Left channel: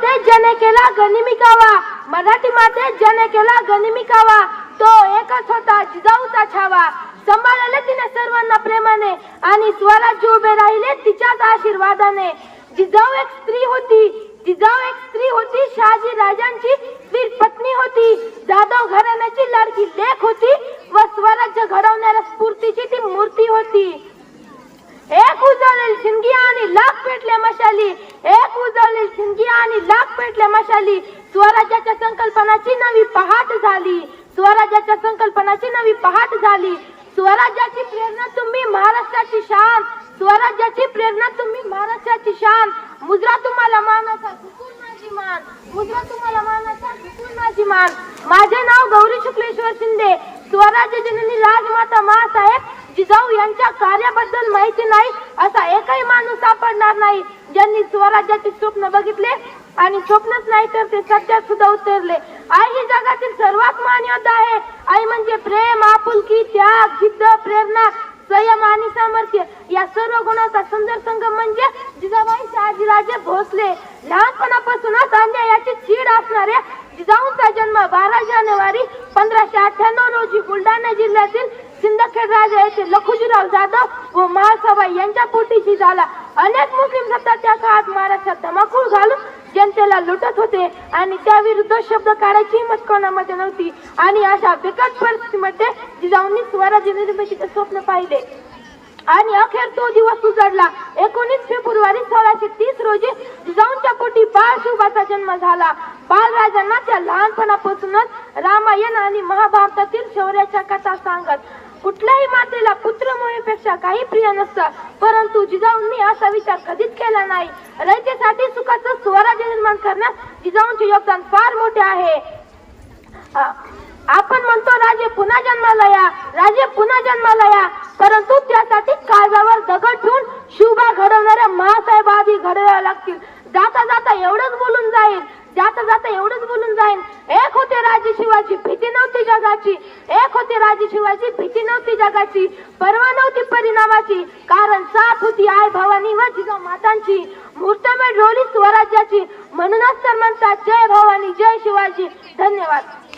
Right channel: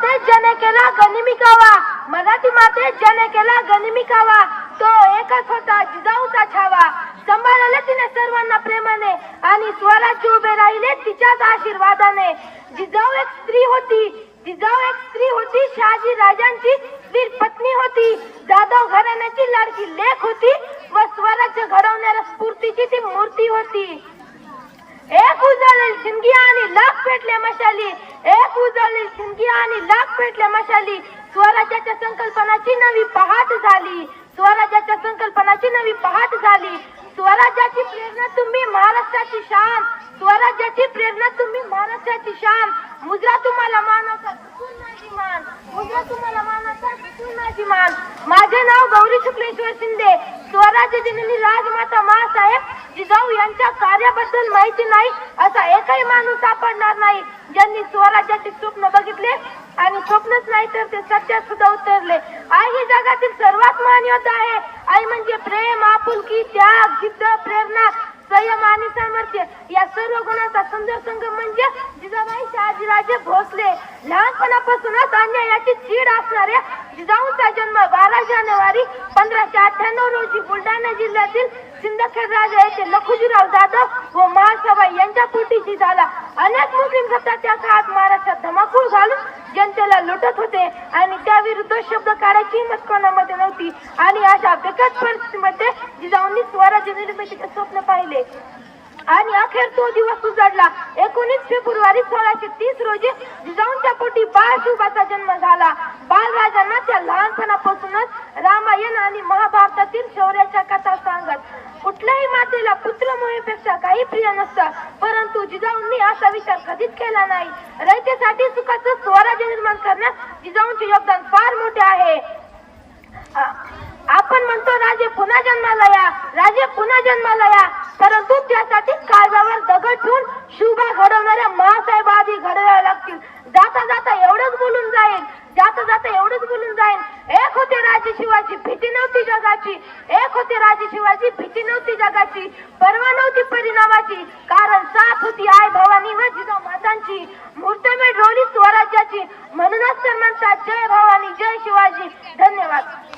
ज्याने केला गनिमिकावा, मराठी माते ज्याने केला गनिमिकावा, तो एकच होता जिजाऊचा छावा. सांभाळले तिने सर्वांना प्रेमाने आणि स्वराज्य उभे राहिले तिच्याच आशीर्वादाने. जिजाऊ एक स्त्री होती, जिजाऊ एक स्त्री होती, शहाजी राजांची वीर पत्नी होती, जाधव घराण्याची लाडकी लेक होती व स्वराज्य घडवणाऱ्या स्फूर्तीची ती मूर्ती होती. एक उजळेल जिंदगी आणि लाख पेटले मशाली, एक उजळेल जिंदगी आणि लाख पेटले मशाली. स्वराज्याच्या संकल्पनाची नवी पहाट झाली, स्वराज्याच्या संकल्पनाची नवी पहाट झाली. स्वराज्याची प्रेरणा तुम्ही महाराष्ट्राची शान, स्वराज्याची प्रेरणा तुम्ही महाराष्ट्राची शान. मुद्रा तुम्हाला मानाचा झुकून माझी मान, मुद्रा तुम्हाला मानाचा झुकून माझी मान. माझे नाव गौरी शुक्लेश्वर शिंदे. स्वराज्य जननी राजमाता मासाहेब जिजाऊ यांच्या कार्याबद्दल माहिती नाही असा एकही माणूस सापडणार नाही ज्यांनी स्वराज्याचे स्वप्न बघितले आणि स्वप्नच नाही तर ते सत्यात सुद्धा उतरले. आई ही जगातील सर्वात महान योद्धा आहे. आई म्हणजे प्रेम, आपुलकी, त्याग, जिद्द, प्रेरणा, संयम आणि सामर्थ्य या सर्व गुणांचा सुंदर संगम म्हणजे जिजाबाई शहाजीराजे भोसले. लहानपणापासूनच अन्यायाची चीड असणाऱ्या जिजाऊंचा जन्म 12 जानेवारी 1598 रोजी बुलढाणा जिल्ह्यातील सिंदखेड राजा येथे लखुजीराव जाधव व महासभाई यांच्या पोटीशी झाला. अनेक मुस्लिम सत्ता त्या काळात महाराष्ट्रात धमाकूळ घालून जनतेला लुटत होते आणि त्याविरुद्ध शब्द काढायची हिंमत कोणामध्ये नव्हती. आणि अशा बिकट परिस्थितीमध्ये जिजाऊंनी स्वराज्य निर्मितीचे स्वप्न पाहिले आणि अखेर तो दिवस उजाडला. 19 फेब्रुवारी 1630 रोजी जिजाऊंच्या पोटी बाळ शिवबाचा जन्म झाला. बाळराजांना त्या लहानपणापासूनच रामायण आणि महाभारतातील शौर्याच्या कथा सांगत. कुठल्याही मातेला पुत्रमोहीपेक्षा काही प्रिय नसतं, परंतु जिजाऊंनी असा विचार कधीच केला नाही. रयतेसाठी सुखाचं स्वराज्य निर्माण करण्यात जिजाऊंचे योगदान फार मोठे आहे. आपण म्हणतो राजे पुन्हा जन्माला या, राजे पुन्हा जन्माला या, परंतु त्यासाठी काळजावर दगड ठेवून शिवबा घडवणाऱ्या मासाहेब आधी घडवायला लागतील. जाता जाता एवढंच बोलून जाईल, जाता जाता एवढंच बोलून जाईल. एक होते राजे शिवाजी, भीती नव्हती जगाची, एक होते राजे शिवाजी, भीती नव्हती जगाची, पर्वा नव्हती परिणामाची, कारण साथ होती आई भवानी व जिजाऊ मातांची. मुहूर्तमेढ रोवली स्वराज्याची, म्हणूनच तर म्हणतात जय भवानी जय शिवाजी. धन्यवाद.